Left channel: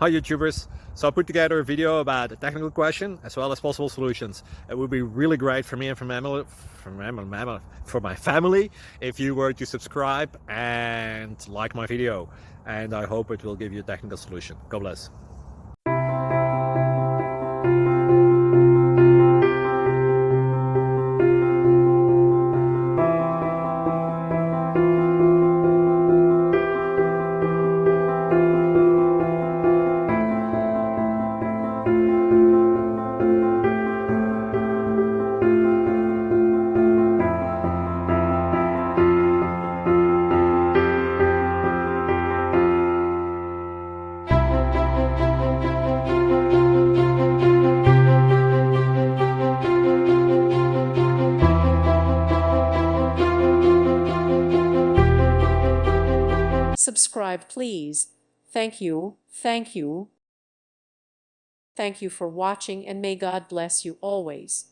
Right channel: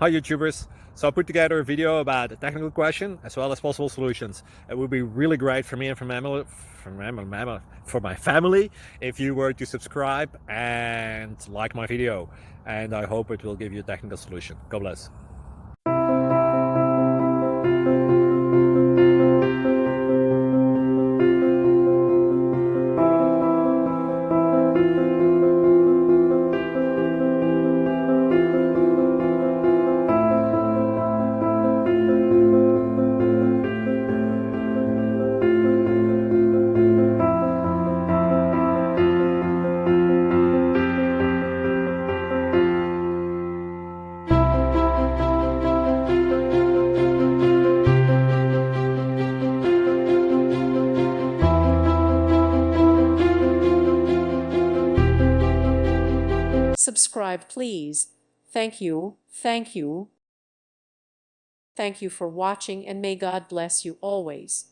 Hi YouTubers! So I put together a video about a technical question as well as possible solutions. It would be really great for me and for my family if you were to subscribe and like my video, and I hope it will give you a technical solution. God bless. Subscribe, please. Thank you. Thank you. Thank you for watching, and may God bless you always.